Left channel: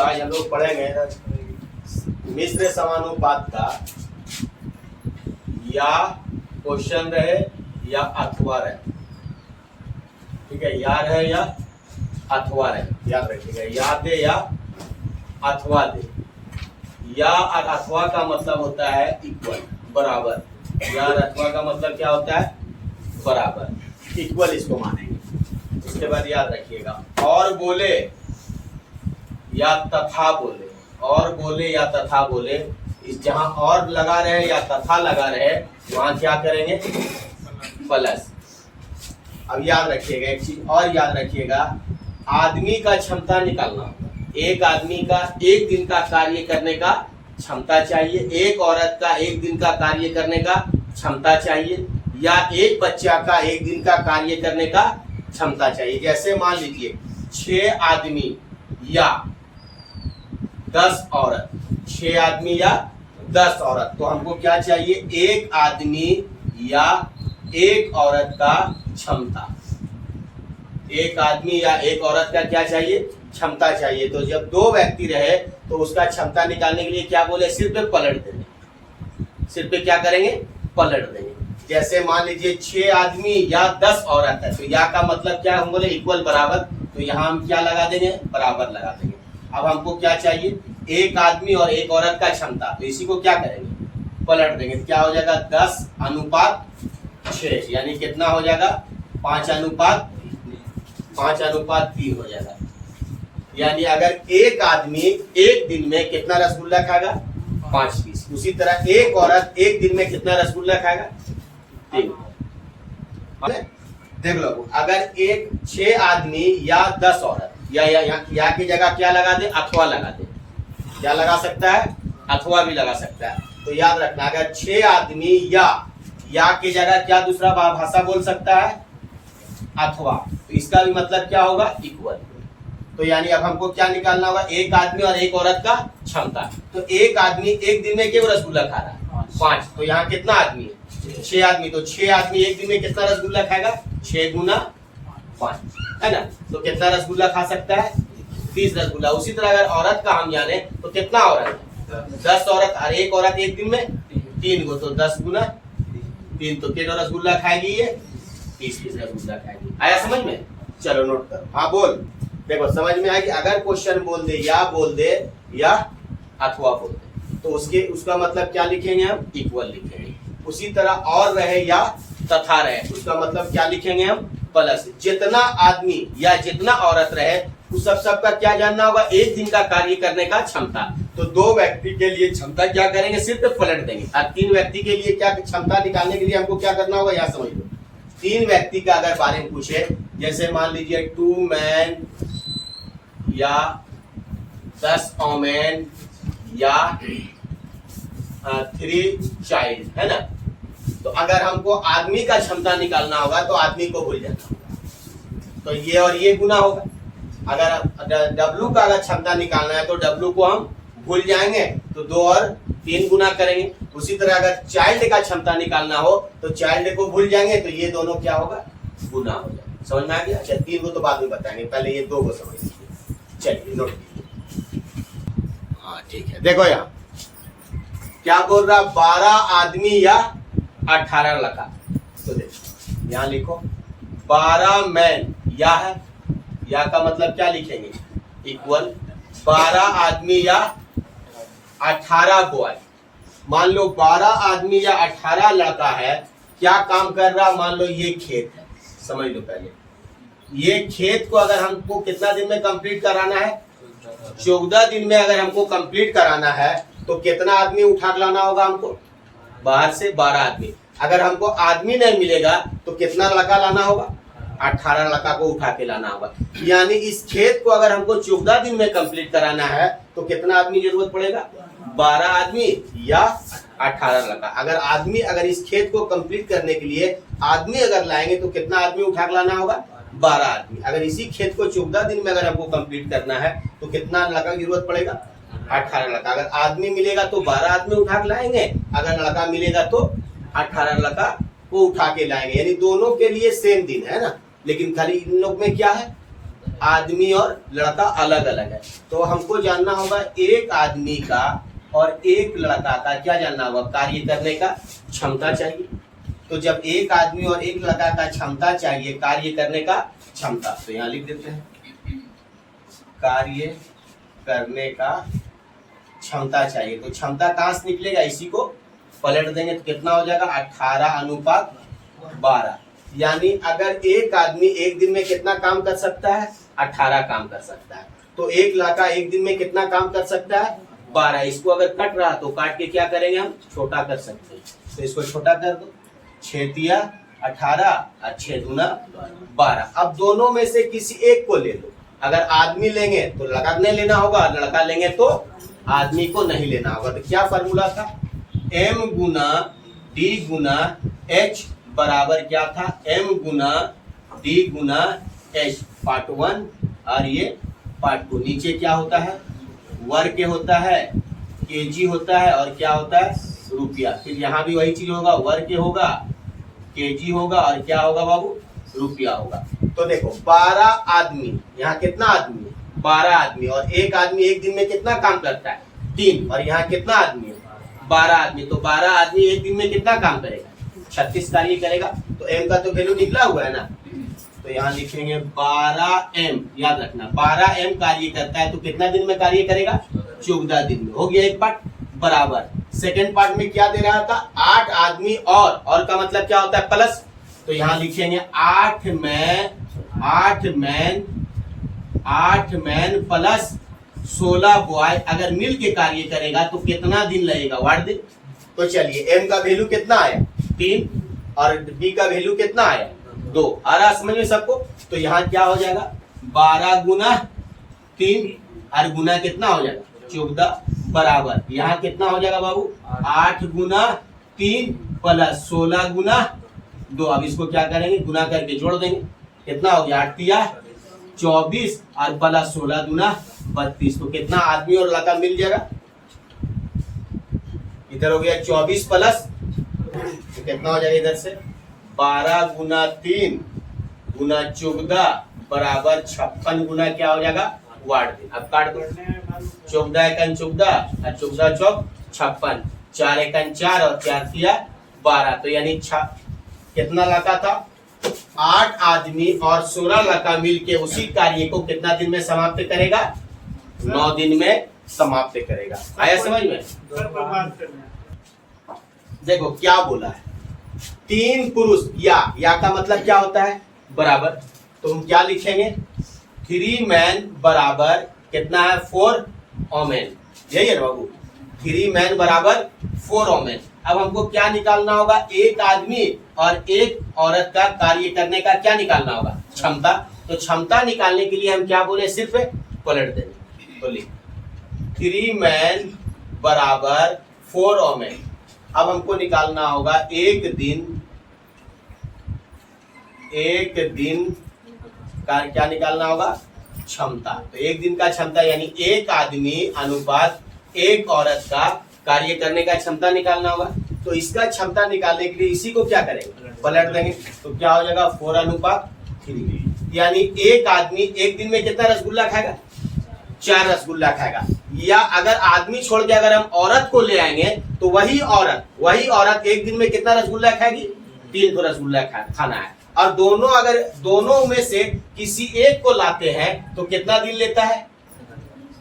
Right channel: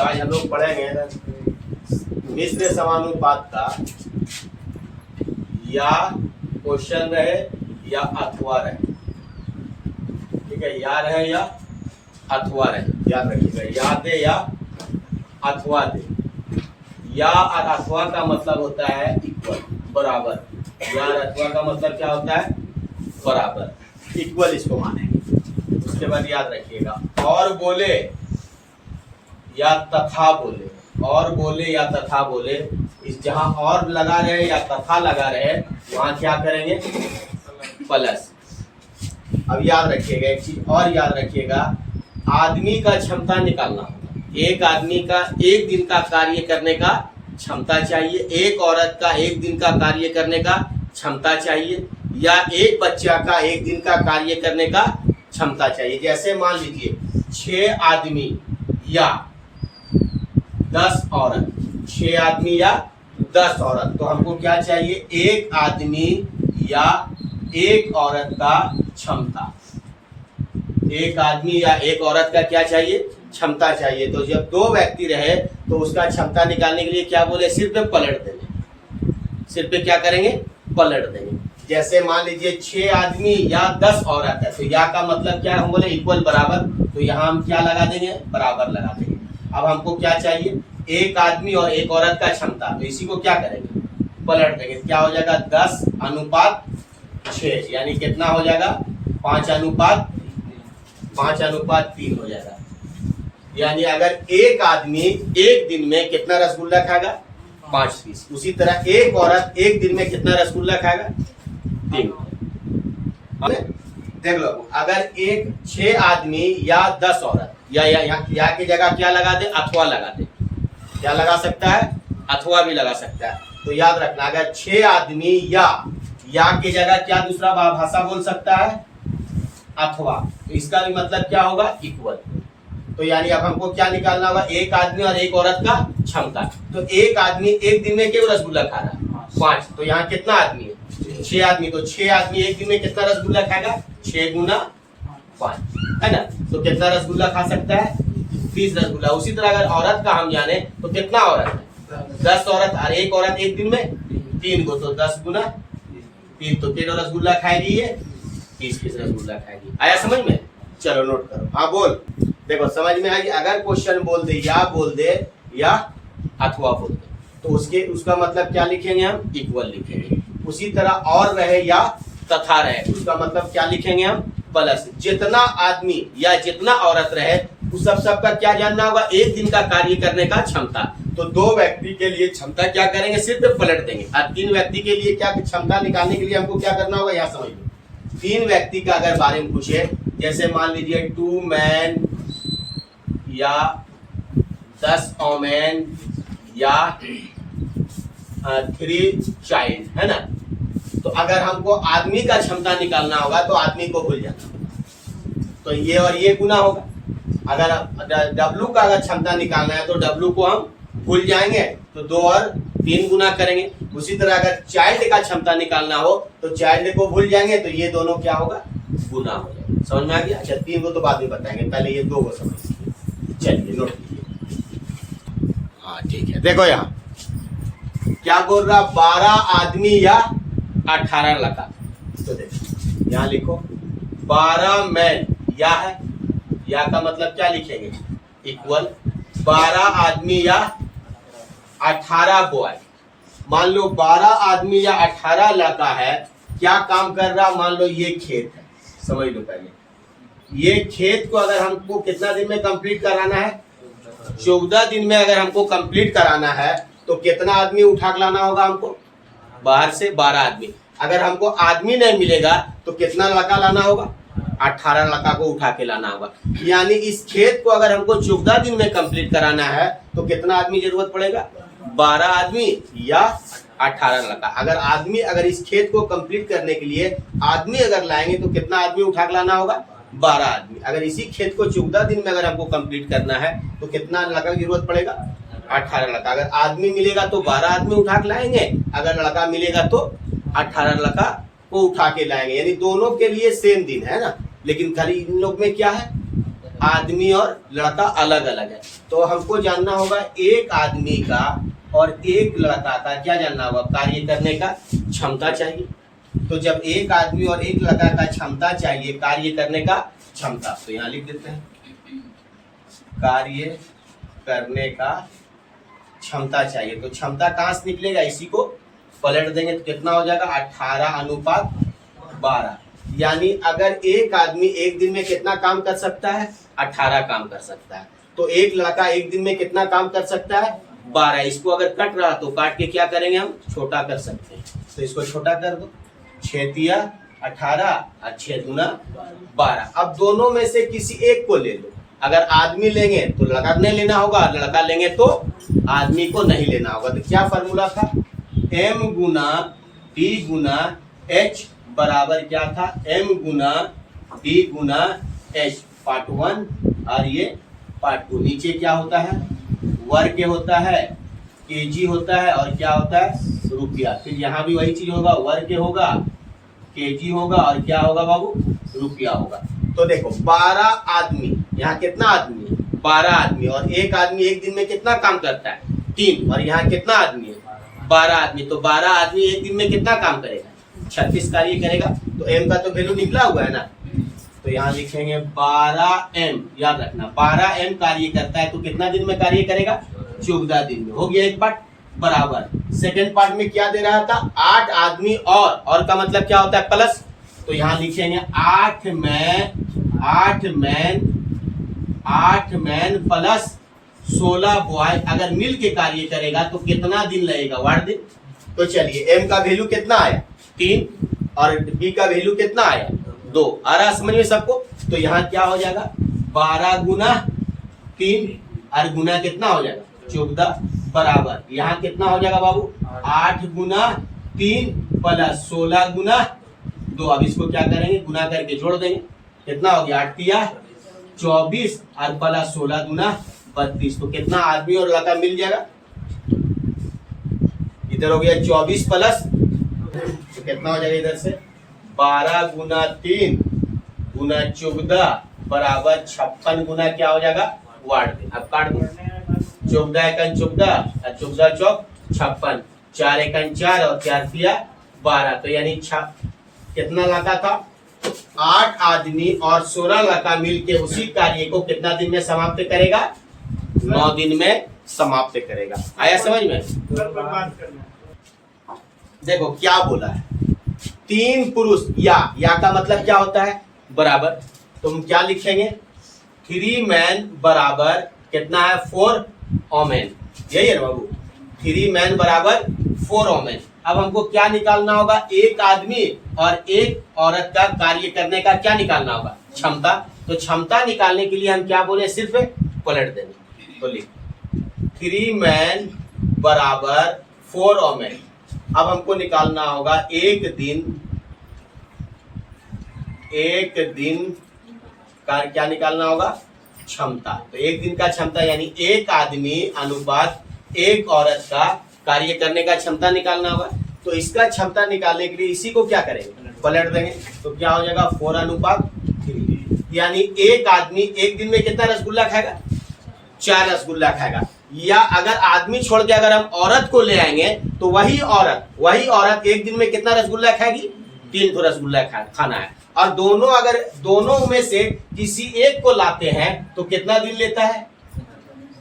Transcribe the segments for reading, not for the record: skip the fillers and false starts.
आज हम लोग पढ़ेंगे मिश्र समानुपात का या क्वेश्चन रहे या अथवा रहे। ठीक है, या रहे या अथवा रहे, याद रखिएगा। या दे या अथवा दे। या और अथवा का मतलब होता है इक्वल, बराबर। या और अथवा का मतलब क्या होता है? बराबर, इक्वल इसको मानेंगे। उसके बाद याद रखिएगा और बोले या तथा बोले, और बोले या तथा बोले, इस जहां और लगा रहे या तथा लगा रहे वहां क्या करेंगे? प्लस। अब याद रखिएगा एक चीज और याद रखिएगा, आदमी का क्षमता निकालना होगा। एक आदमी का एक दिन का कार्य करने का क्षमता चाहिए, एक औरत का एक दिन का कार्य करने का क्षमता चाहिए, या एक बच्चा का एक दिन का कार्य करने का क्षमता चाहिए। जैसे मान लीजिए 6 आदमी या 10 औरत, 6 आदमी या 10 औरत, तो हमको क्या चाहिए? एक आदमी या एक औरत का क्षमता। एक आदमी या एक औरत का क्या चाहिए? क्षमता चाहिए। तो जब 2 व्यक्ति रहे तो उसका क्षमता निकालने के लिए क्या बोले? सिर्फ पे पलट देंगे, सिर्फ पे क्या करेंगे? पलट देंगे। जैसे मान लीजिए 6 आदमी या 10 औरत है, तो या का मतलब क्या हम बोले? इक्वल, बराबर। तो यहाँ हम क्या लगा देंगे? बराबर लगा देंगे। अब हमको क्या चाहिए? एक आदमी और एक औरत का क्षमता, तो इसी को क्या करेंगे? पलट देंगे। क्या हो जाएगा? 10:6, यानी कितना हो जाएगा? 5:3 हो जाएगा। यानी अगर एक आदमी एक दिन में कितना रसगुल्ला खाएगा? 5 पीस। उसी तरह एक औरत एक दिन में कितना रसगुल्ला खाएगा? 3। देख लो, अगर 6 आदमी या 10 औरत, या की जगह क्या लगा दे? अथवा लगा दे। क्या लगा सकता है? अथवा भी लगा सकता है। तो याद रखना, अगर 6 आदमी या की जगह क्या दूसरा भाषा बोल सकता है? अथवा। तो इसका भी मतलब क्या होगा? इक्वल। तो यानी अब हमको क्या निकालना होगा? एक आदमी और एक औरत का क्षमता। तो एक आदमी एक दिन में क्यों रसगुल्ला खा रहा है? 5। तो यहाँ कितना आदमी है? 6 आदमी। तो 6 आदमी एक दिन में कितना रसगुल्ला खाएगा? 6 गुना 5, है ना? तो कितना रसगुल्ला खा सकता है? 20 रसगुल्ला। उसी तरह अगर औरत का हम जाने तो कितना औरत? 10 औरत, और एक औरत एक दिन में 3 को, तो 10 गुना 3, तो कितना रसगुल्ला खाएगी? ये 20 रसगुल्ला खाएगी। आया समझ में? चलो नोट करो। हाँ बोल। देखो समझ में आएगी। अगर क्वेश्चन बोल दे या अथवा बोल दे, तो उसका मतलब क्या लिखेंगे हम? इक्वल लिखेंगे। उसी तरह और रहे या तथा रहे, उसका मतलब क्या लिखेंगे हम? प्लस। जितना आदमी या जितना औरत रहे उस सबका क्या जानना होगा? एक दिन का कार्य करने का क्षमता। तो 2 व्यक्ति के लिए क्षमता क्या करेंगे? सिर्फ पलट देंगे। और 3 व्यक्ति के लिए क्या क्षमता निकालने के लिए हमको क्या करना होगा? यहाँ समझ लो। 3 व्यक्ति का अगर बारे में पूछे, जैसे मान लीजिए 2 मैन या 10 वोमेन या 3 चाइल्ड, है ना? तो अगर हमको आदमी का क्षमता निकालना होगा तो आदमी को भूल जाना होगा, तो ये और ये गुना होगा। अगर डब्लू का अगर क्षमता निकालना है तो डब्लू को हम भूल जाएंगे, तो 2 और 3 गुना करेंगे। उसी तरह अगर चाइल्ड का क्षमता निकालना हो तो चाइल्ड को भूल जाएंगे, तो ये दोनों क्या होगा? गुना हो जाएगा। समझ में आ गया? अच्छा, 3 को तो बाद में बताएंगे, पहले ये 2 को समझ लीजिए। चलिए नोट कीजिए। हाँ ठीक है। देखो यहाँ क्या बोल रहा? 12 आदमी या 18 लड़का। तो देखो यहाँ लिखो 12 मैन, या है, या का मतलब क्या लिखेंगे? इक्वल। 12 आदमी या 18 बॉय। मान लो 12 आदमी या 18 लड़का है, क्या काम कर रहा? मान लो ये खेत है, समझ लो पहले। ये खेत को अगर हमको कितना दिन में कंप्लीट कराना है? 14 दिन में अगर हमको कंप्लीट कराना है तो कितना आदमी उठा के लाना होगा हमको? बाहर से 12 आदमी। अगर हमको आदमी नहीं मिलेगा तो कितना लड़का लाना होगा? 18 लड़का को उठा के लाना होगा। यानी इस खेत को अगर हमको 14 दिन में कंप्लीट कराना है तो कितना आदमी जरूरत पड़ेगा? 12 आदमी या 18 लड़का। अगर इस खेत को कंप्लीट करने के लिए आदमी अगर लाएंगे तो कितना आदमी उठा के लाना होगा? 12 आदमी। अगर इसी खेत को 14 दिन में अगर हमको कंप्लीट करना है तो कितना लड़का की जरूरत पड़ेगा? 18 लड़का। अगर आदमी मिलेगा तो 12 आदमी उठा के लाएंगे, अगर लड़का मिलेगा तो 18 लड़का को उठा के लाएंगे। यानी दोनों के लिए सेम दिन है ना, लेकिन खाली इन लोग में क्या है? आदमी और लड़का अलग अलग है। तो हमको जानना होगा एक आदमी का और एक लड़का का क्या जानना होगा, कार्य करने का क्षमता चाहिए। तो जब एक आदमी और एक लड़का का क्षमता चाहिए, कार्य करने का क्षमता, तो यहाँ लिख देते हैं कार्य करने का क्षमता चाहिए। तो क्षमता कहाँ से निकलेगा, इसी को पलट देंगे तो कितना हो जाएगा 18:12। यानी अगर एक आदमी एक दिन में कितना काम कर सकता है, 18 काम कर सकता है, तो एक लड़का एक दिन में कितना काम कर सकता है, 12। इसको अगर कट रहा तो काट के क्या करेंगे, हम छोटा कर सकते हैं। तो इसको छोटा कर दो, 6 × 18 और 6 × 12। अब दोनों में से किसी एक को ले लो। अगर आदमी लेंगे तो लड़का नहीं लेना होगा, लड़का लेंगे तो आदमी को नहीं लेना होगा। तो क्या फॉर्मूला था, m × d × h बराबर क्या था, m × d × h, पार्ट 1 और ये पार्ट 2। नीचे क्या होता है, वर्ग होता है, केजी होता है और क्या होता है, रुपया। फिर यहाँ भी वही चीज होगा, वर्ग होगा, केजी होगा और क्या होगा बाबू, रुपया होगा। तो देखो 12 आदमी, यहाँ कितना आदमी है, 12 आदमी, और एक आदमी एक दिन में कितना काम करता है, 3, और यहाँ कितना आदमी है, 12 आदमी। तो 12 आदमी एक दिन में कितना काम करेगा, 36 कार्य करेगा। तो m का तो वैल्यू निकला हुआ है ना, तो यहाँ लिखेंगे 12m। याद रखना 12m कार्य करता है तो कितना दिन में कार्य करेगा, 14 दिन में। हो गया एक पार्ट बराबर। सेकंड पार्ट में क्या दे रहा था, 8 आदमी और का मतलब क्या होता है, प्लस। तो यहाँ लिखेंगे 8 मैन प्लस 16 बॉय अगर मिल के कार्य करेगा तो कितना दिन लगेगा, 8 दिन। तो चलिए m का वैल्यू कितना आया, 3, और b का वैल्यू कितना आया, 2। आ रहा समझिए सबको। तो यहाँ क्या हो जाएगा, 12 × 3 और गुना कितना हो जाएगा, 14 बराबर। यहाँ कितना हो जाएगा बाबू, 8 × 3 प्लस 16 × 2। अब इसको क्या करेंगे, गुना करके जोड़ देंगे। कितना हो गया, 8 × 24 और प्लस 16 × 32। तो कितना आदमी और लड़का मिल जाएगा, इधर हो गया 24 प्लस, तो कितना हो जाएगा इधर से 12 × 3 × 14 बराबर 56 गुना क्या हो जाएगा, 8 दिन। अब काट दो, 14 × 14 और 14 चौक 56, 4 × 4 और 4 × 12। तो यानी कितना लड़का था, 8 आदमी और 16 लड़का मिलके उसी कार्य को कितना दिन में समाप्त करेगा, 9 दिन में समाप्त करेगा। आया समझ में। देखो क्या बोला है, 3 पुरुष या का मतलब क्या होता है, बराबर। तो हम क्या लिखेंगे, 3 मैन बराबर कितना है, 4 ओमेन। यही है बाबू, 3 मैन बराबर 4 ओमेन। अब हमको क्या निकालना होगा, एक आदमी और एक औरत का कार्य करने का क्या निकालना होगा, क्षमता। तो क्षमता निकालने के लिए हम क्या बोले, सिर्फ पलट देंगे। तो लिख 3 मैन बराबर 4 ओमेन। अब हमको निकालना होगा एक दिन का क्या निकालना होगा, क्षमता। तो एक दिन का क्षमता यानी एक आदमी अनुपात एक औरत का कार्य करने का क्षमता निकालना होगा। तो इसका क्षमता निकालने के लिए इसी को क्या करेंगे, पलट देंगे। तो क्या हो जाएगा 4:3। यानी एक आदमी एक दिन में कितना रसगुल्ला खाएगा, 4 रसगुल्ला खाएगा। या अगर आदमी छोड़ के अगर हम औरत को ले आएंगे तो वही औरत एक दिन में कितना रसगुल्ला खाएगी, 3 रसगुल्ला खाना है। और दोनों में से किसी एक को लाते हैं तो कितना दिन लेता है,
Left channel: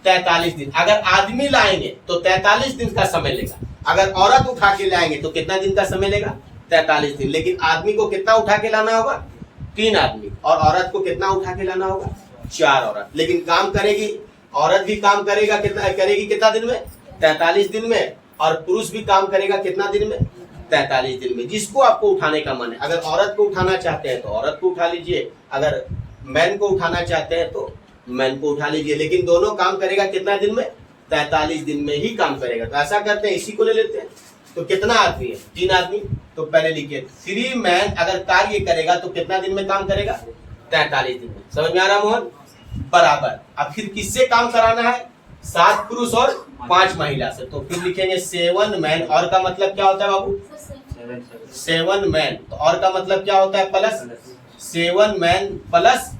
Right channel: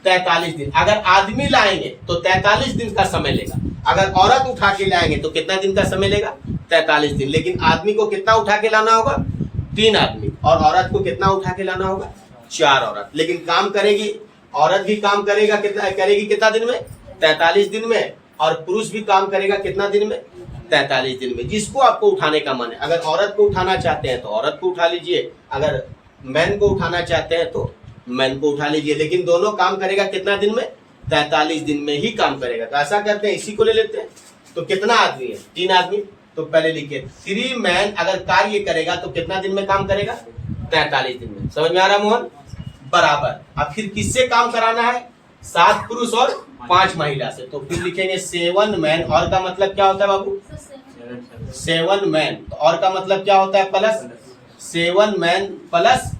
43 दिन। अगर आदमी लाएंगे तो 43 दिन का समय लेगा, अगर औरत उठा के लाएंगे तो कितना दिन का समय लेगा, 43 दिन। लेकिन आदमी को कितना उठा के लाना होगा, 3 आदमी, और औरत को कितना उठा के लाना होगा, 4 औरत। लेकिन काम करेगी औरत भी, काम करेगी कितना दिन में, 43 दिन में, और पुरुष भी काम करेगा कितना दिन में, 43 दिन में। जिसको आपको उठाने का मन है, अगर औरत को उठाना चाहते हैं तो औरत को उठा लीजिए, अगर मैन को उठाना चाहते हैं तो मैन को उठा लीजिए। लेकिन दोनों काम करेगा कितना दिन में, 43 दिन में ही काम करेगा। तो ऐसा करते हैं, इसी को ले लेते हैं। तो कितना आदमी है, 3 आदमी। तो पहले लिखिए 3 मैन अगर कार्य करेगा तो कितना दिन में काम करेगा, 43 दिन में। समझ में आ रहा मोहन, बराबर। अब फिर किससे काम कराना है, 7 पुरुष और 5 महिला से। तो फिर लिखेंगे 7 मैन, और का मतलब क्या होता है बाबू, 7 मैन। तो और का मतलब क्या होता है, प्लस 7 मैन प्लस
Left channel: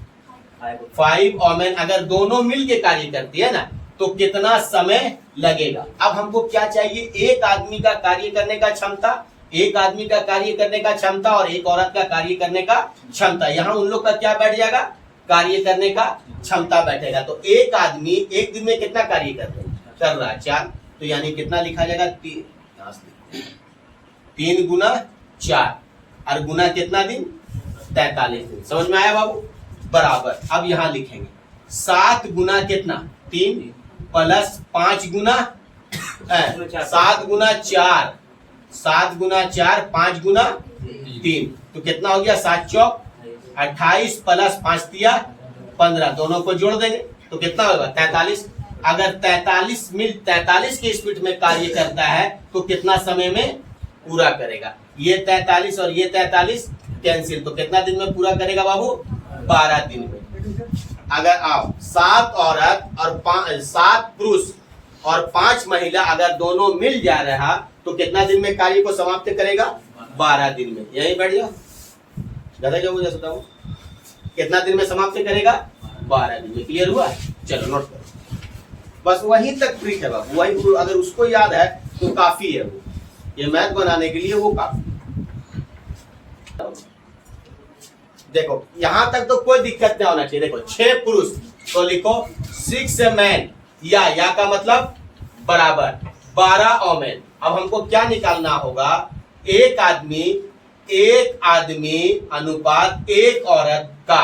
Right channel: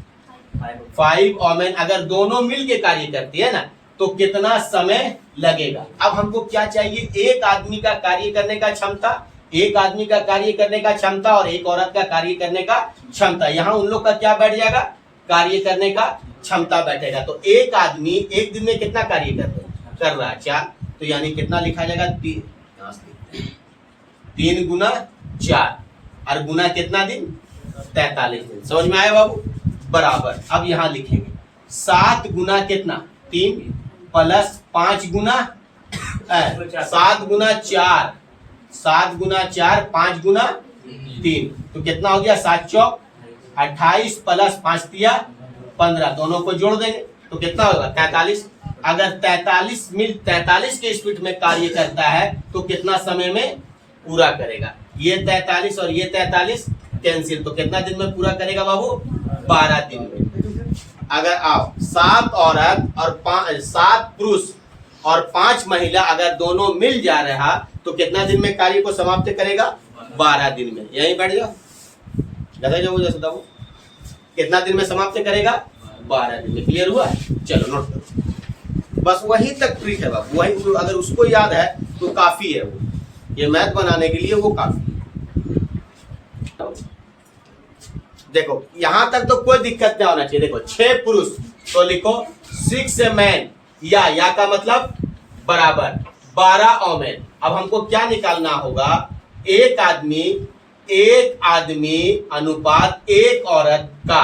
5 वोमेन अगर दोनों मिल के कार्य करती है ना तो कितना समय लगेगा। अब हमको क्या चाहिए, एक आदमी का कार्य करने का क्षमता, एक आदमी का कार्य करने का क्षमता और एक औरत का कार्य करने का क्षमता। यहाँ उन लोग का क्या बैठ जाएगा, कार्य करने का क्षमता बैठेगा। तो एक आदमी एक दिन में कितना कार्य कर रहा है 4, तो यानी कितना लिखा जाएगा 3 गुना 4 और गुना कितना दिन 43 दिन। समझ में आया बाबू, बराबर। अब यहाँ लिखेंगे 7 गुना कितना 3 प्लस 5 गुना 7 गुना 4 7 गुना 4 5 गुना 3 तो कितना हो गया 7 चौक 28 प्लस 5 तिया 15, दोनों को जोड़ देंगे तो कितना होगा 43। अगर 43 के स्पीड में कार्य करता है तो कितना समय में पूरा करेगा। ये 43 और ये 43 कैंसिल, तो कितना दिन में पूरा करेगा बाबू 12 दिन में। अगर आप 7 औरत और 7 पुरुष और 5 महिला अगर दोनों मिल जा रहा तो कितना दिन में कार्य को समाप्त करेगा 12 दिन में। यही बैठ जाओ जैसे कितना दिन में समाप्त करेगा 12 दिन में। क्लियर हुआ, चलो नोट करो, बस वही तक प्रीट है बाबू, वही अगर उसको याद है तो काफी है, वो ये मैथ बनाने के लिए वो काफी। देखो यहां तक तो कोई दिक्कत नहीं होना चाहिए। देखो 6 पुरुष तो लिखो 6 मैन, या का मतलब बराबर 12 ओमेन। अब हमको क्या निकालना होगा, एक आदमी अनुपात एक औरत का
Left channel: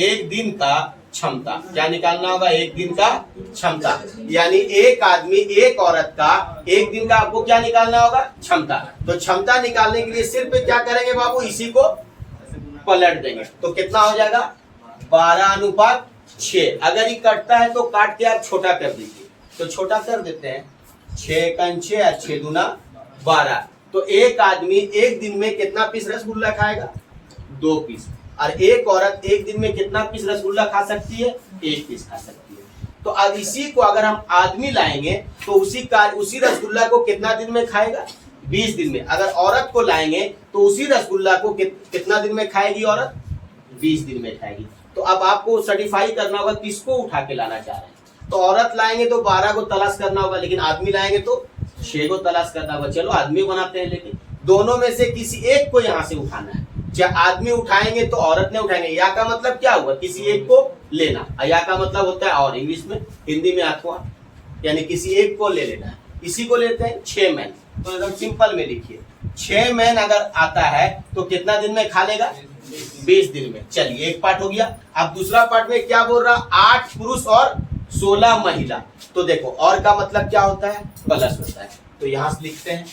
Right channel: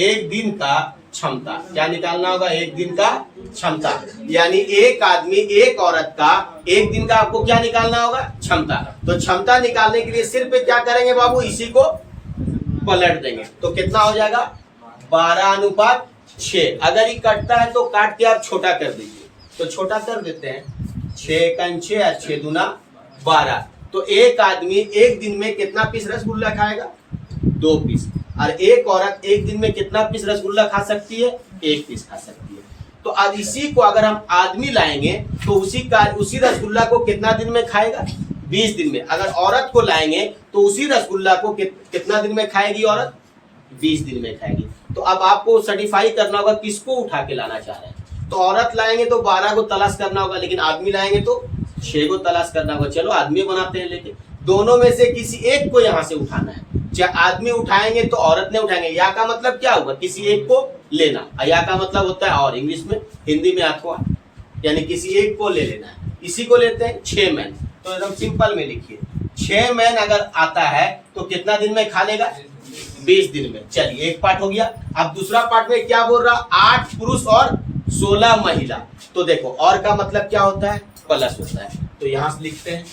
एक दिन का क्षमता। क्या निकालना होगा, एक दिन का क्षमता, यानी एक आदमी एक औरत का एक दिन का आपको क्या निकालना होगा क्षमता। तो क्षमता निकालने के लिए सिर्फ क्या करेंगे बाबू, इसी को पलट देंगे तो कितना हो जाएगा 12:6। अगर ये कटता है तो काट के आप छोटा कर दीजिए, तो छोटा कर देते हैं 6 का 6 और 6 दूना 12। तो एक आदमी एक दिन में कितना पीस रसगुल्ला खाएगा 2 पीस, और एक औरत एक दिन में कितना पीस रसगुल्ला खा सकती है 1 पीस खा सकती है। तो अब इसी को अगर हम आदमी लाएंगे तो उसी रसगुल्ला को कितना दिन में खाएगा 20 दिन में। अगर औरत को लाएंगे तो उसी रसगुल्ला को कितना दिन में खाएगी औरत 20 दिन में खाएगी। तो अब आपको सर्टिफाई करना होगा किसको उठा के लाना चाह रहे हैं। तो औरत लाएंगे तो 12 को तलाश करना होगा, लेकिन आदमी लाएंगे तो 6 को तलाश करना होगा। चलो आदमी बनाते हैं, लेकिन दोनों में से किसी एक को यहाँ से उठाना है। चाहे आदमी उठाएंगे तो औरत ने उठाएंगे, या का मतलब क्या हुआ किसी एक को लेना, या का मतलब होता है और इंग्लिश में हिंदी में अथवा, यानी किसी एक को ले लेना है। इसी को लेते हैं 6 मैन। तो एकदम सिंपल में लिखिए 6 मैन अगर आता है तो कितना दिन में खा लेगा 20 दिन में। चलिए एक पार्ट हो गया। अब दूसरा पार्ट में क्या बोल रहा 8 पुरुष और 16 महिला। तो देखो और का मतलब क्या होता है प्लस होता है, तो यहां से लिखते हैं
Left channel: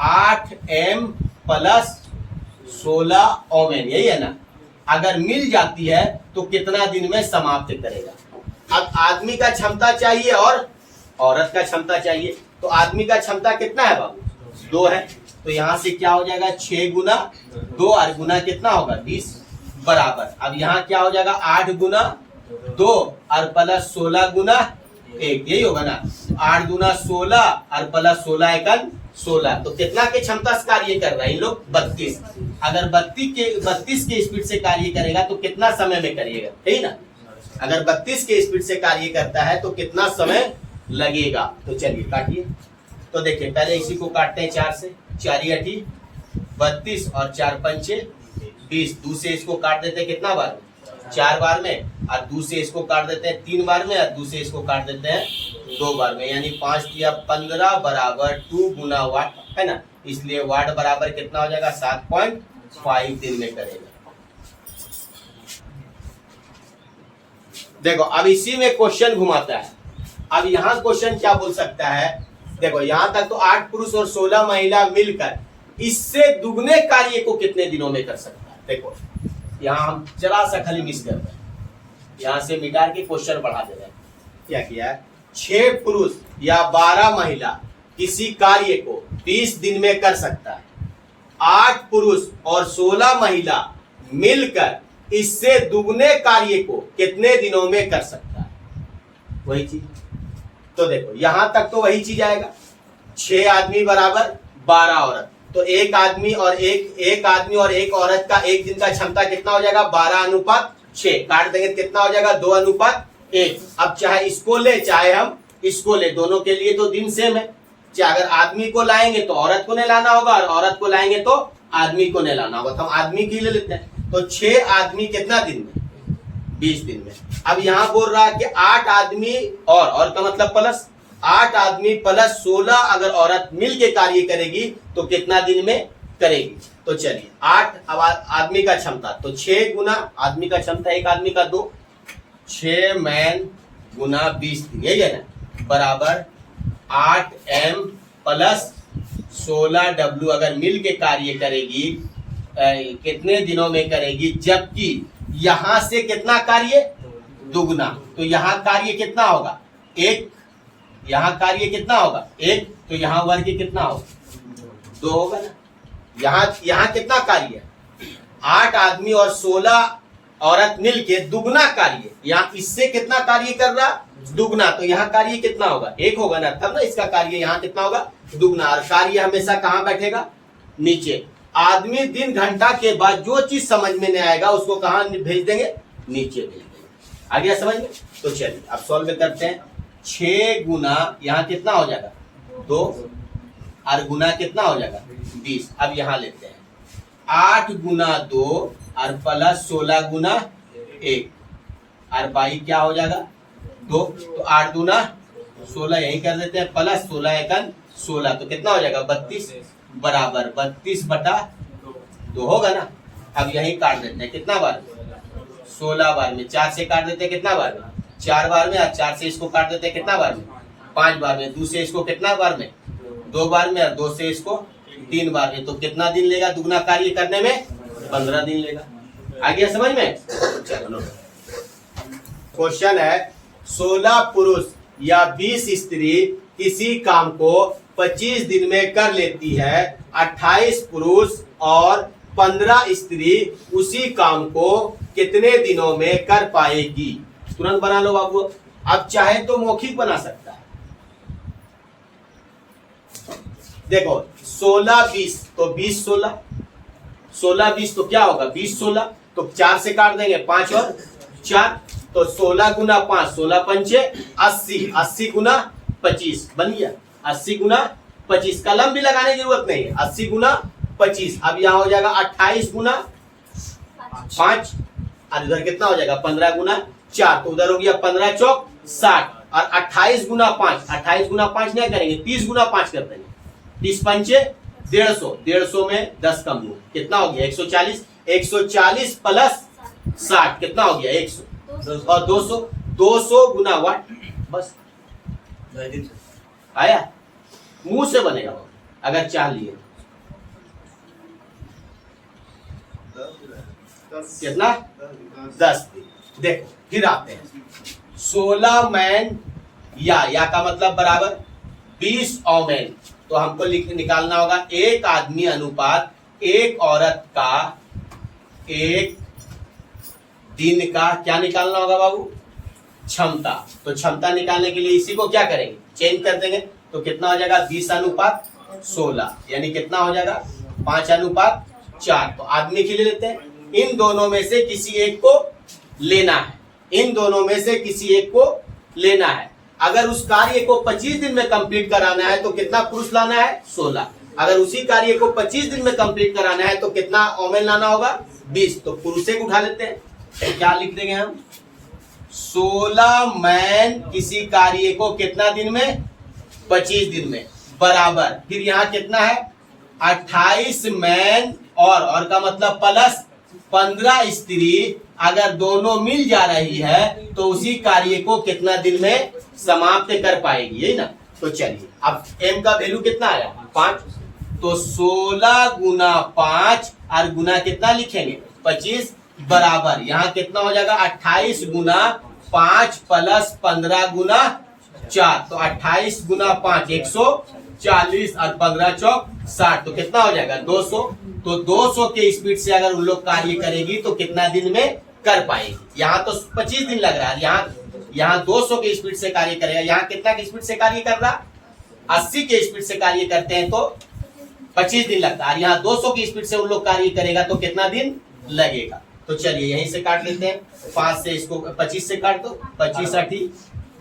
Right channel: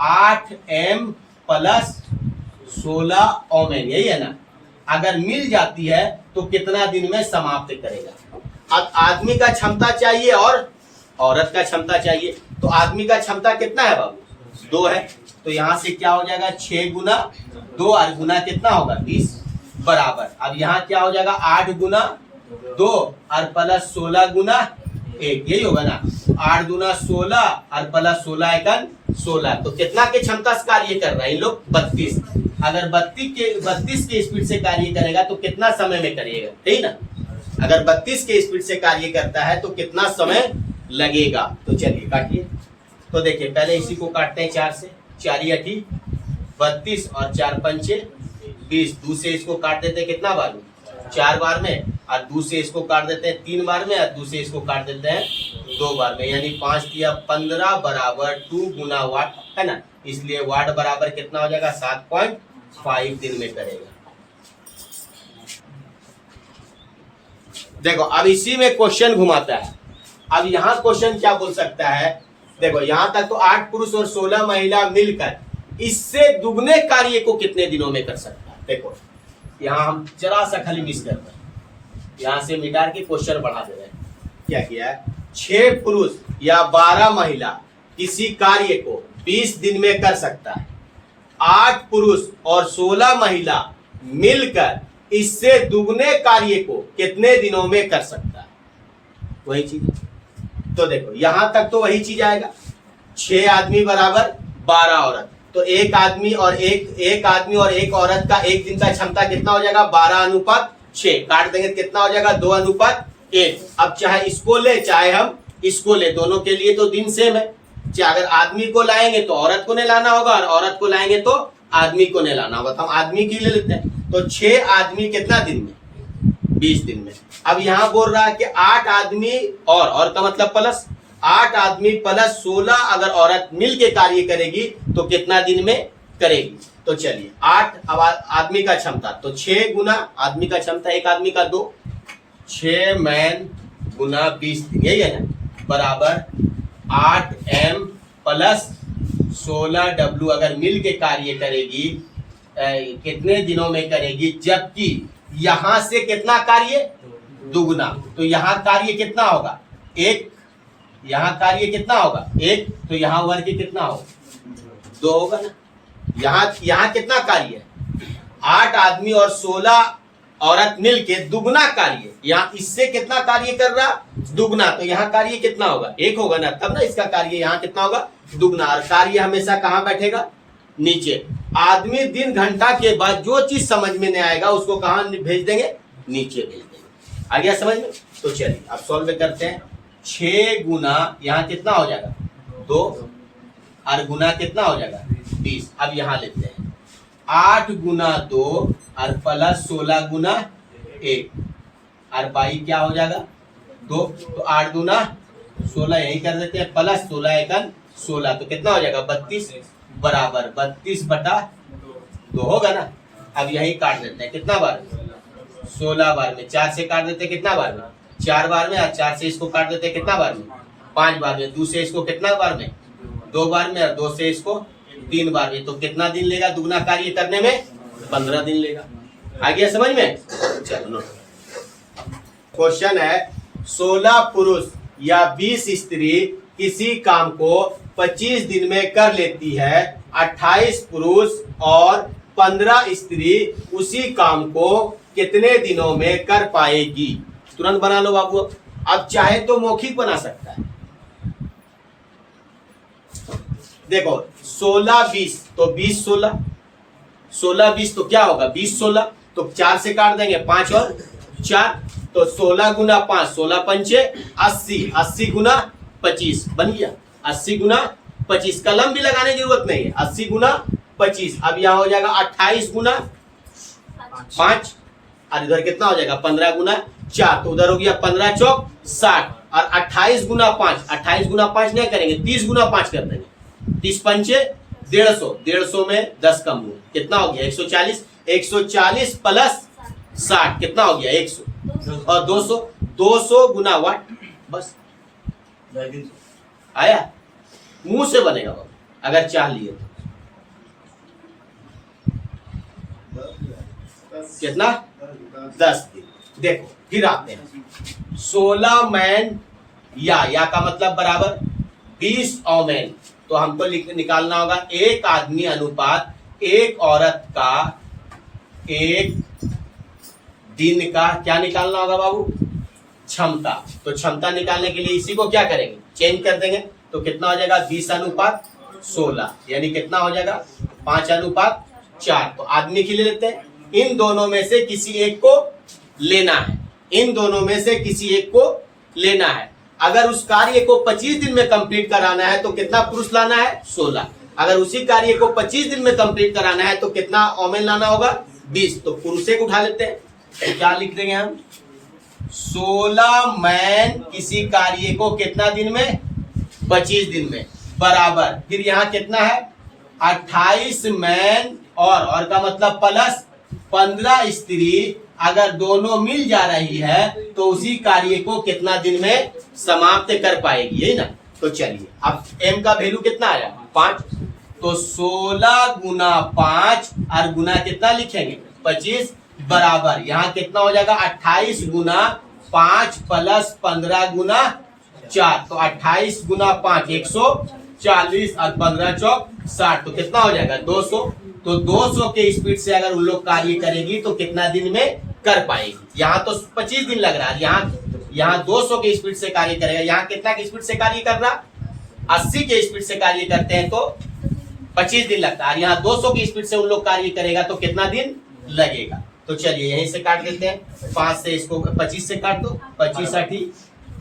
8m प्लस 16 ओमेन, यही है ना। अगर मिल जाती है तो कितना दिन में समाप्त करेगा। अब आदमी का क्षमता चाहिए और औरत का क्षमता चाहिए। तो आदमी का क्षमता कितना है बाबू 2 है, तो यहां से क्या हो जाएगा 6 गुना 2 और गुना कितना होगा 20 बराबर। अब यहाँ क्या हो जाएगा 8 गुना 2 और प्लस 16 गुना 1, यही होगा ना। 8 गुना 16 और प्लस 16 एकन 16, तो कितना के क्षमता से कार्य कर रहा है इन लोग 32। अगर 32 के स्पीड से कार्य करेगा तो कितना समय में करिएगा, ठीक ना। अगर 32 के स्पीड से कार्य करता है तो कितना समय लगेगा। तो चलिए काटिए। तो देखिए पहले इसी को काटते हैं 4 से, 4 8 32 और 4 पंचे 20। 2 से इसको काट देते हैं कितना बार 4 बार में, और 2 से इसको काट देते हैं 3 बार में, और 2 से इसको काट देते हैं 2 बार में, यानी 5 दिया 15 बराबर 2 गुना वाट है ना। इसलिए वाट बराबर कितना हो जाएगा 7.5 दिन में करेगा। देखो अब इसी में क्वेश्चन घुमाता है। अब यहाँ क्वेश्चन क्या बोल सकता है, देखो यहाँ तक तो 8 पुरुष और 16 महिला मिलकर इससे दुगने कार्य को कितने दिनों में कर सकता है। देखो यहाँ हम जरा सा खाली मिस कर रहे हैं, यहाँ से मिटा के क्वेश्चन बढ़ा दे रहे हैं। क्या किया है 6 पुरुष या 12 महिला किसी कार्य को 20 दिन में कर सकता है। 8 पुरुष और 16 महिला मिलकर इससे दुगने कार्य को कितने दिनों में कर सकता है, वही चीज। तो देखो यहां तक तो वही चीज आएगा 6 आदमी बराबर 12 औरत, तो एक आदमी और एक औरत का एक दिन का क्षमता कितना हो जाएगा 12:6। काट देंगे कितना हो जाएगा 2:1। अब चाहे इसको ले चाहे हम इसको ले, दोनों के लिए तो दिन सेम है। चाहे अगर आदमी को लाएंगे तो औरत को नहीं लाना होगा और औरत को लाएंगे तो आदमी को नहीं लाना होगा। तो हम आदमी की ले लेते हैं। तो 6 आदमी कितना दिन में 20 दिन में। अब यहाँ बोल रहा है कि 8 आदमी और का मतलब प्लस 8 आदमी प्लस 16 अगर औरत मिल के कार्य करेगी तो कितना दिन में करेगी। तो चलिए 8 अब आदमी का क्षमता, तो 6 गुना आदमी का क्षमता एक आदमी का 2, 6 मैन गुना 20 दिन, यही है ना, बराबर 8M प्लस 16W अगर मिल के कार्य करेगी कितने दिनों में करेगी, जबकि यहां से कितना कार्य दुगुना। तो यहाँ कार्य कितना होगा 1, यहाँ कार्य कितना होगा 1, तो यहाँ वर्ग कितना होगा 2 होगा ना। यहाँ कितना कार्य 8 आदमी और 16 औरत मिलके दुगना कार्य, यहाँ इससे कितना कार्य कर रहा दुगना, तो यहाँ कार्य कितना होगा 1 होगा ना, तब ना इसका कार्य यहाँ कितना होगा दुगना। और कार्य हमेशा कहाँ बैठेगा नीचे। आदमी दिन घंटा के बाद जो चीज समझ में नहीं आएगा उसको कहाँ भेज देंगे नीचे भेज देंगे। आ गया समझ में। तो चलिए अब सॉल्व करते हैं। 6 गुना यहाँ कितना हो जाएगा 2 और गुना कितना हो जाएगा 20। अब यहाँ लेते हैं 8 गुना 2 और प्लस 16 गुना 1 और बाई क्या हो जाएगा 2। तो 8 गुना 16 यही कर देते हैं, प्लस 16 एकन 16, तो कितना हो जाएगा 32 बराबर 32/2 होगा ना। अब यही काट देते हैं कितना बार 16 बार में, 4 से काट देते हैं कितना बार में 4 बार में, और 4 से इसको काट देते हैं कितना बार में 5 बार में, 2 से इसको कितना बार में 2 बार में, और 2 से इसको 3 बार में। तो कितना दिन लेगा दुगना कार्य करने में 15 दिन लेगा। आ गया समझ में। चलो क्वेश्चन है 16 पुरुष या 20 स्त्री किसी काम को 25 दिन में कर लेती है, 28 पुरुष और 15 स्त्री उसी काम को कितने दिनों में कर पाएगी। तुरंत बना लो बाबू। अब चाहे तो मौखिक बना सकता है। देखो 16 20 तो 20 16, 16 20 तो क्या होगा 20 16, तो 4 से काट देंगे 5 और 4, तो 16 गुना 5 16 पंचे 80, 80 गुना 25 बन गया। 80 गुना 25, कलम भी लगाने की जरूरत नहीं है। 80 गुना 25। अब यहाँ हो जाएगा 28 गुना 5 और इधर कितना हो जाएगा 15 गुना 4, तो उधर हो गया 15 चौक 60 और 28 गुना 5, 28 गुना 5 नहीं करेंगे 30 गुना 5 कर देंगे, 30 पंचे 150, 150 में 10 कम हुआ कितना हो गया 140, 140 प्लस 60 कितना हो गया 100 और 200, 200 गुना वाट। बस आया, मुंह से बनेगा अगर चाह लिए। कितना 10 दिन। देखो फिर आते हैं 16 मैन या का मतलब बराबर 20 औमैन, तो हमको निकालना होगा एक आदमी अनुपात एक औरत का एक दिन का क्या निकालना होगा बाबू क्षमता। तो क्षमता निकालने के लिए इसी को क्या करेंगे चेंज कर देंगे, तो कितना हो जाएगा 20:16 यानी कितना हो जाएगा 5:4। तो आदमी के लिए लेते हैं, इन दोनों में से किसी एक को लेना है, इन दोनों में से किसी एक को लेना है। अगर उस कार्य को 25 दिन में कंप्लीट कराना है तो कितना पुरुष लाना है 16। अगर उसी कार्य को 25 दिन में कंप्लीट कराना है तो कितना औमेन लाना होगा 20। तो पुरुष को उठा लेते हैं, तो क्या लिख देंगे हम 16 मैन किसी कार्य को कितना दिन में 25 दिन में बराबर, फिर यहाँ कितना है 28 मैन और का मतलब प्लस 15 स्त्री अगर दोनों मिल जा रही है तो उसी कार्य को कितना दिन में समाप्त कर पाएगी, यही ना। तो चलिए अब m का वैल्यू कितना आया 5, तो 16 गुना 5 और गुना कितना लिखेंगे 25 बराबर यहाँ कितना हो जाएगा 28 गुना 5 प्लस 15 गुना 4, तो 28 गुना 5 140 और 15 चौक 60, तो कितना हो जाएगा 200। तो 200 के स्पीड से अगर उन लोग कार्य करेगी तो कितना दिन में कर पाएगी। यहाँ तो 25 दिन लग रहा है, यहाँ 200 के स्पीड से कार्य करेगा। यहाँ कितना के स्पीड से कार्य कर रहा 80 के स्पीड से कार्य करते हैं तो 25 दिन लगता है, और यहाँ 200 की स्पीड से उन लोग कार्य करेगा तो कितना दिन लगेगा। तो चलिए यहीं से काट लेते हैं, 5 से इसको 25 से काट दो, 25 8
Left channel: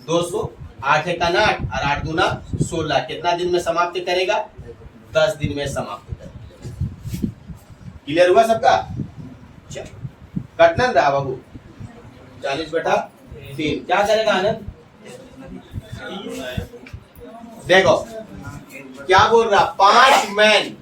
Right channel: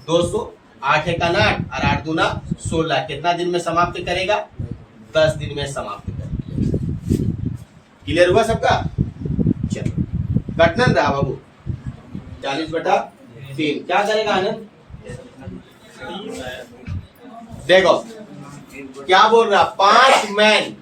200, 8 1 8 और 8 दूना 16, कितना दिन में समाप्त करेगा? 10 दिन में समाप्त करेगा। क्लियर हुआ सबका? चलो कटन रहा बाबू, 40/3 क्या करेगा आनंद? देखो क्या बोल रहा, 5 मैन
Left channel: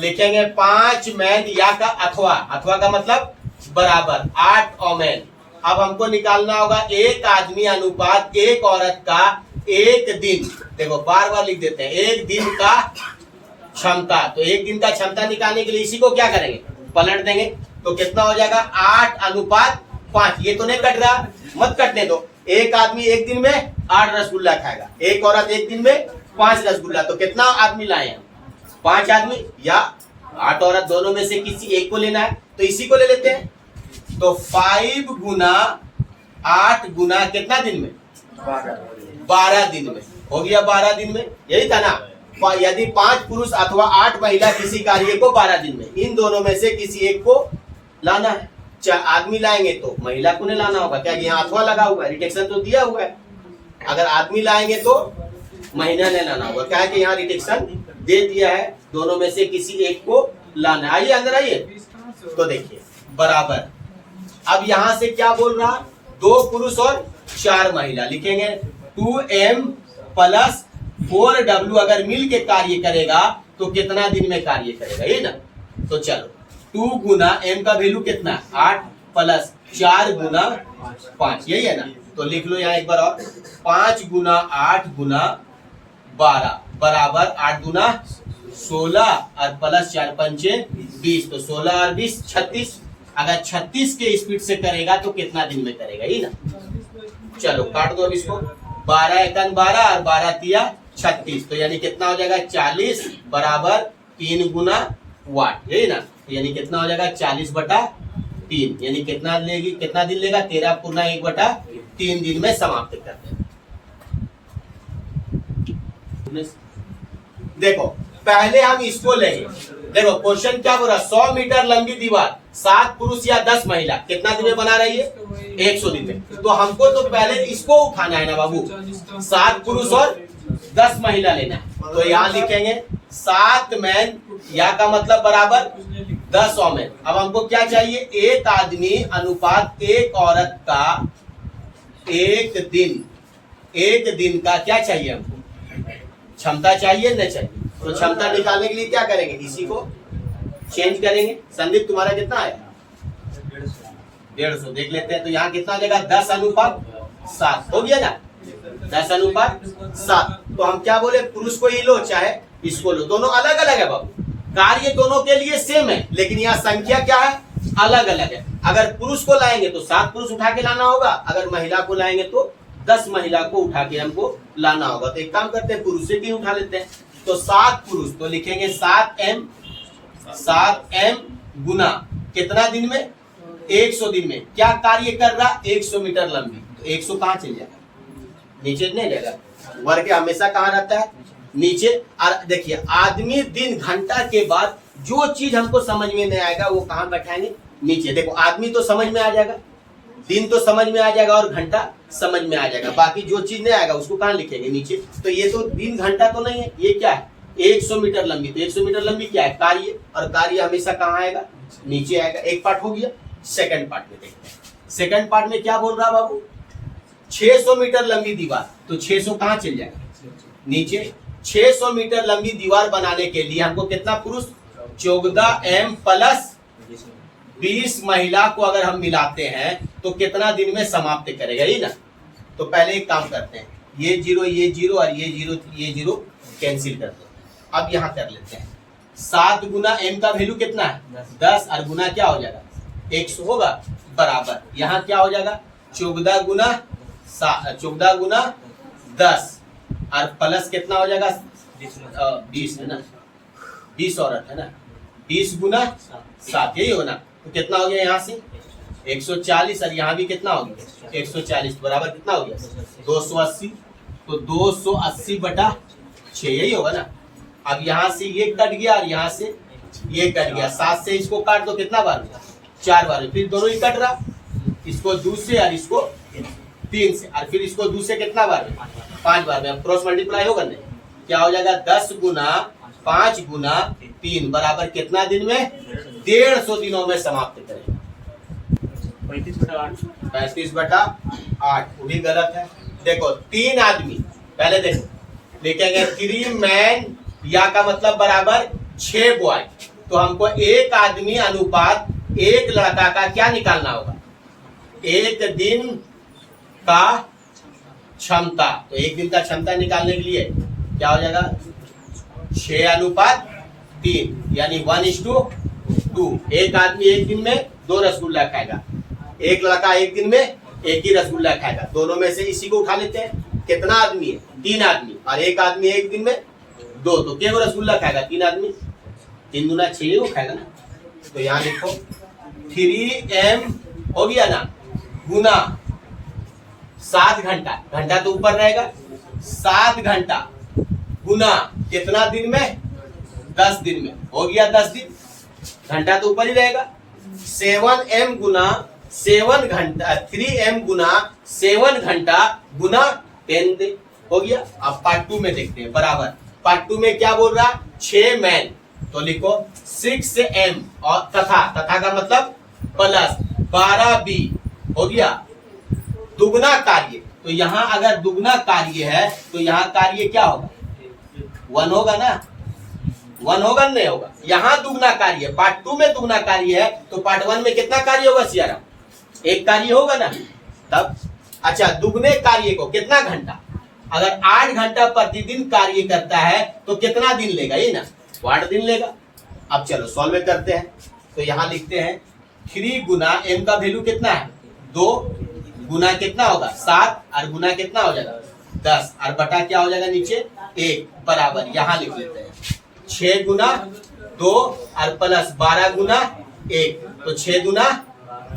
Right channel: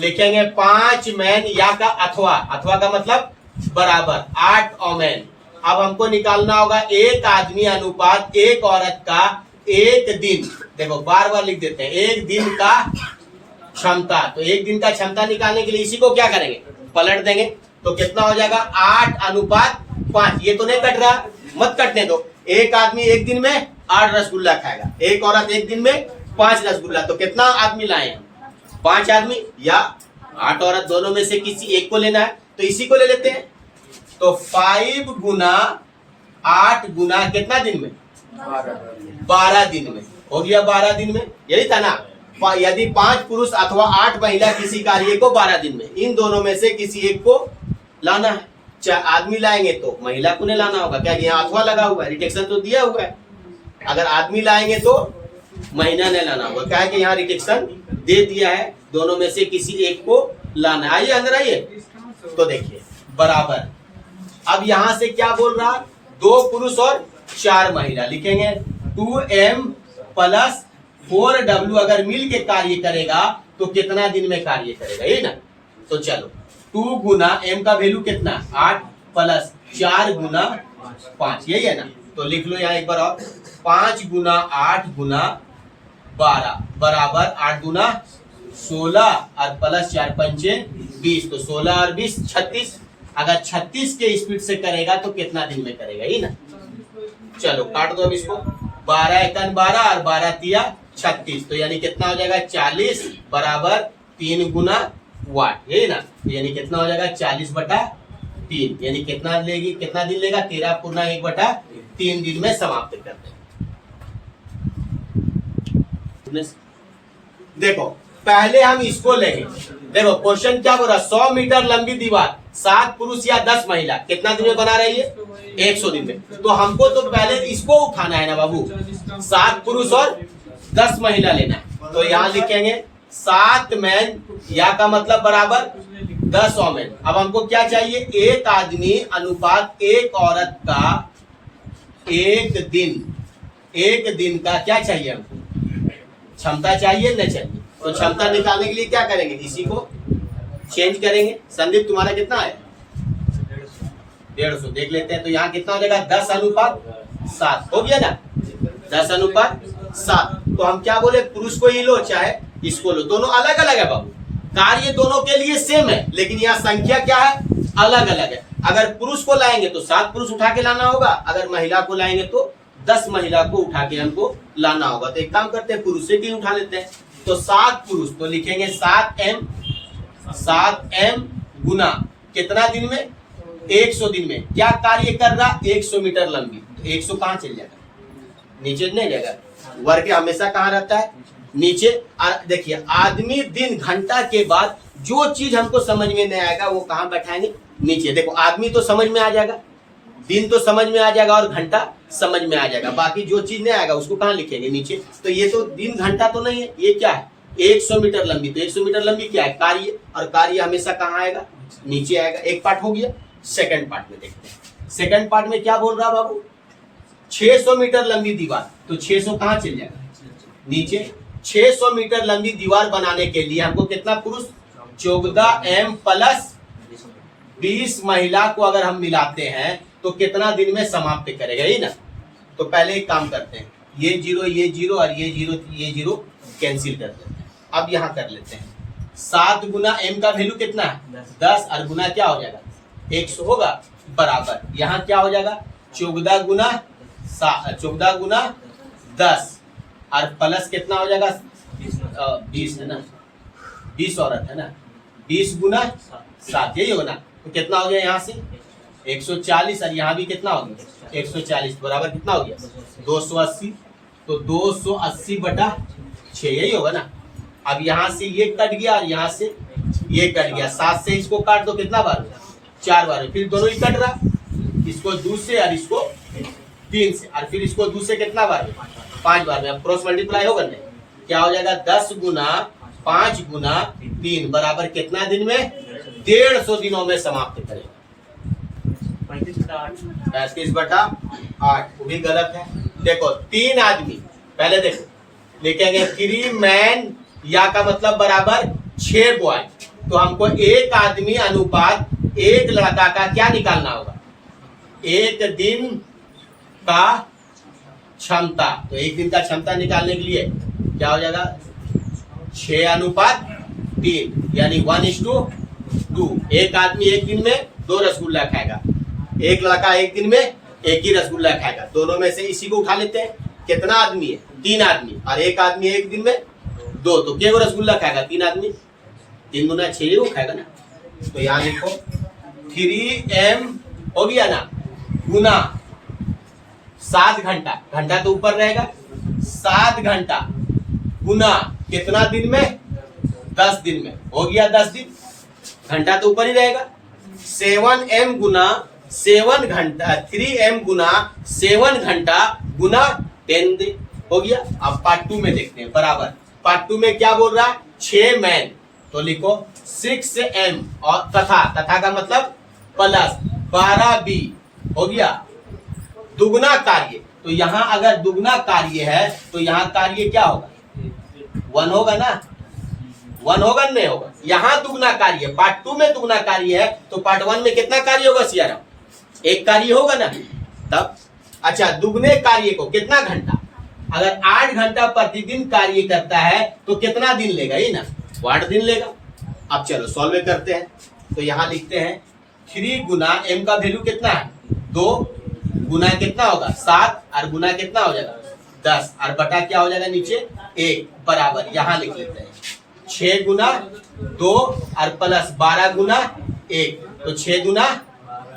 लिखेंगे, 5 मैन या का अथवा, अथवा का मतलब बराबर 8 ओमेन। अब हमको निकालना होगा एक आदमी अनुपात एक औरत का एक दिन। देखो बार बार लिख देते हैं, एक दिन का क्षमता। तो एक दिन का क्षमता निकालने के लिए इसी को क्या करेंगे? पलट देंगे, तो कितना हो जाएगा? 8:5। ये तो नहीं कट रहा, मत कटने दो। एक आदमी एक दिन में 8 रसगुल्ला खाएगा, एक औरत एक दिन में 5 रसगुल्ला। तो कितना आदमी लाए हैं? 5 आदमी या 8 औरत, दोनों में से किसी एक को लेना है, तो इसी को ले लेते हैं। तो 5 गुना 8 गुना कितना दिन में? 12 दिन में हो गया। 12 दिन में यही था ना, यदि 5 पुरुष अथवा 8 महिला किसी कार्य को 12 दिन में, इन दोनों में से किसी एक को लाना है। आदमी लाएंगे तो महिला को नहीं लाना होगा, क्या यहाँ अथवा लगा हुआ है, रिटेक्शन तो दिया हुआ है। अगर आदमी लाएंगे तो महिला ने लाना होगा, क्या है कि यहाँ रिटेक्शन दे दिया है, दोनों में से किसी एक को लाना है। आइए अंदर आइए, तो देखिए बराबर। अब यहां से क्या बोल रहा, 2 पुरुष और 4 महिला, लिखेंगे 2m + 4w अगर मिल के कार्य करेगा तो कितना दिन में कार्य करेगा, ये ना। तो चलो 2 गुना m का वैल्यू कितना, 8 + 4 गुना 5, यही है ना। तो लिख लो यहाँ एक बार और, 5 गुना 8 गुना 12 बराबर 8 गुना 16 और प्लस 4 पंचे 20, तो 16 और 20 36। अगर 36 के स्पीड से करेगा तो कितना दिन में करेगा, ही ना। चलो काट दो अब इसको, 12 1 12 और 12 3 36, तो यानी कितना हो जाएगा 40 बराबर 3 गुना वाट, यही ना। तो यानी कितना हो जाएगा 40/3, यानी कितना लेगी, कितना दिन लेगा? 13 पूर्णा 1/3 दिन में समाप्त करते हैं। देखो पहले हम इसको लेंगे। देखो क्वेश्चन क्या बोल रहा, 100 मीटर लंबी दीवार 7 पुरुष या 10 महिला कितना दिन में बना रही है? 100 दिन में। तो हमको तो पहले इसको उठाना है ना बाबू, 7 पुरुष और 10 महिला लेना है। तो यहाँ लिखेंगे 7 मैन या का मतलब बराबर 10 ओमेन। अब हमको क्या चाहिए? एक आदमी अनुपात एक औरत का एक दिन का क्या चाहिए हमको? क्षमता चाहिए न चाहिए। तो क्षमता निकालने के लिए क्या करेंगे? इसी को चेंज करेंगे। संदीप तुम्हारा कितना आया? 150 देख लेते हैं। तो यहाँ कितना हो जाएगा? 10:7 हो गया ना, 10:7। तो हम क्या बोले, पुरुष को ही लो चाहे इसको लो, दोनों अलग अलग है बाबू। कार्य दोनों के लिए सेम है, लेकिन यहाँ संख्या क्या है? अलग अलग है। अगर पुरुष को लाएंगे तो 7 पुरुष उठा के लाना होगा, अगर महिला को लाएंगे तो 10 महिला को उठा के हमको लाना होगा। तो एक काम करते हैं, पुरुष से भी उठा लेते हैं। तो 7 पुरुष, तो लिखेंगे 7m गुना कितना दिन में? 100 दिन में। क्या कार्य कर रहा? 100 मीटर लंबी। तो 100 कहाँ चल जाएगा? नीचे नहीं जाएगा, वर्ग हमेशा कहाँ रहता है? नीचे। और देखिए आदमी दिन घंटा के बाद जो चीज हमको समझ में नहीं आएगा वो कहाँ बैठाएंगे? नीचे। देखो आदमी तो समझ में आ जाएगा, दिन तो समझ में आ जाएगा और घंटा समझ में आ जाएगा, बाकी जो चीज नहीं आएगा उसको कहाँ लिखेंगे? नीचे। तो ये तो दिन घंटा तो नहीं है, ये क्या है? 100 मीटर लंबी। तो 100 मीटर लंबी क्या है? कार्य, और कार्य हमेशा कहाँ आएगा? नीचे आएगा। एक पार्ट हो गया। सेकंड पार्ट में देखते हैं। सेकंड पार्ट में क्या बोल रहा बाबू? 600 मीटर लंबी दीवार। तो 600 कहाँ चल जाएगा? नीचे। 600 मीटर लंबी दीवार बनाने के लिए हमको कितना पुरुष? 14m + 20 महिला को अगर हम मिलाते हैं तो कितना दिन में समाप्त करेगा, ये ना। तो पहले एक काम करते हैं, ये 0 और ये 0 कैंसिल कर देते हैं। अब यहाँ कर लेते हैं, 7 गुना m का वैल्यू कितना है? 10 और गुना क्या हो जाएगा? 100 होगा बराबर, यहाँ क्या हो जाएगा? 14 गुना 10 और प्लस कितना हो जाएगा? 20 है ना, 20 औरत है ना, 20 गुना 7, यही होगा ना। तो कितना हो गया यहाँ से? 140 और यहाँ भी कितना हो गया? 140 बराबर कितना हो गया? 280। तो 280/6, यही होगा ना। अब यहाँ से ये कट गया और यहाँ से ये कट गया, 7 से इसको काट दो कितना बार में, 4 बार में, फिर दोनों ही कट रहा, इसको 2 से और इसको 3 से, और फिर इसको 2 से कितना बार में, 5 बार में। अब क्रॉस मल्टीप्लाई होगा नहीं, क्या हो जाएगा 10 गुना 5 गुना 3 बराबर कितना दिन में, 150 दिनों में समाप्त करेगा। 35/8, वो भी गलत है। देखो 3 आदमी, पहले देखो लिखेंगे 3 मैन या का मतलब बराबर 6 बॉय, तो हमको 1 आदमी अनुपात 1 लड़का का क्या निकालना होगा, 1 दिन का क्षमता। तो 1 दिन का क्षमता निकालने के लिए क्या हो जाएगा 6:3, यानी 1:2। 1 आदमी 1 दिन में 2 रसगुल्ला खाएगा, 1 लड़का 1 दिन में 1 ही रसगुल्ला खाएगा। दोनों में से इसी को उठा लेते हैं, कितना आदमी है, 3 आदमी, और 1 आदमी 1 दिन में 2, तो क्या रसगुल्ला खाएगा 3 आदमी, 3 गुना 6 वो खाएगा ना। तो यहाँ लिखो 3m हो गया ना, गुना 7 घंटा, घंटा तो ऊपर रहेगा, 7 घंटा गुना कितना दिन में, 10 दिन में, हो गया 10 दिन, घंटा तो ऊपर ही रहेगा। 7m गुना 7 घंटा, 3m गुना 7 घंटा गुना 10 दिन, हो गया। अब पार्ट 2 में देखते हैं, बराबर पार्ट 2 में क्या बोल रहा है, 6 मैन, तो लिखो 6m और तथा का मतलब प्लस 12b, हो गया दुगना कार्य। तो यहाँ अगर दुगना कार्य है तो यहाँ कार्य क्या होगा, 1 होगा ना, 1 होगा नहीं होगा, यहाँ दुगना कार्य, पार्ट 2 में दुगना कार्य है, तो पार्ट 1 में कितना कार्य होगा सियारा, 1 कार्य होगा ना तब। अच्छा, दुगने कार्य को कितना घंटा, अगर 8 घंटा प्रतिदिन कार्य करता है तो कितना दिन लेगा, ये ना 8 दिन लेगा। अब चलो सॉल्व करते हैं, तो यहाँ लिखते हैं 3 गुना m का वैल्यू कितना है 2, गुना कितना होगा 7, और गुना कितना हो जाएगा 10, और बटा क्या हो जाएगा नीचे 1, बराबर यहाँ लिख लेते हैं 6 गुना 2 और प्लस 12 गुना 1, तो 6 गुना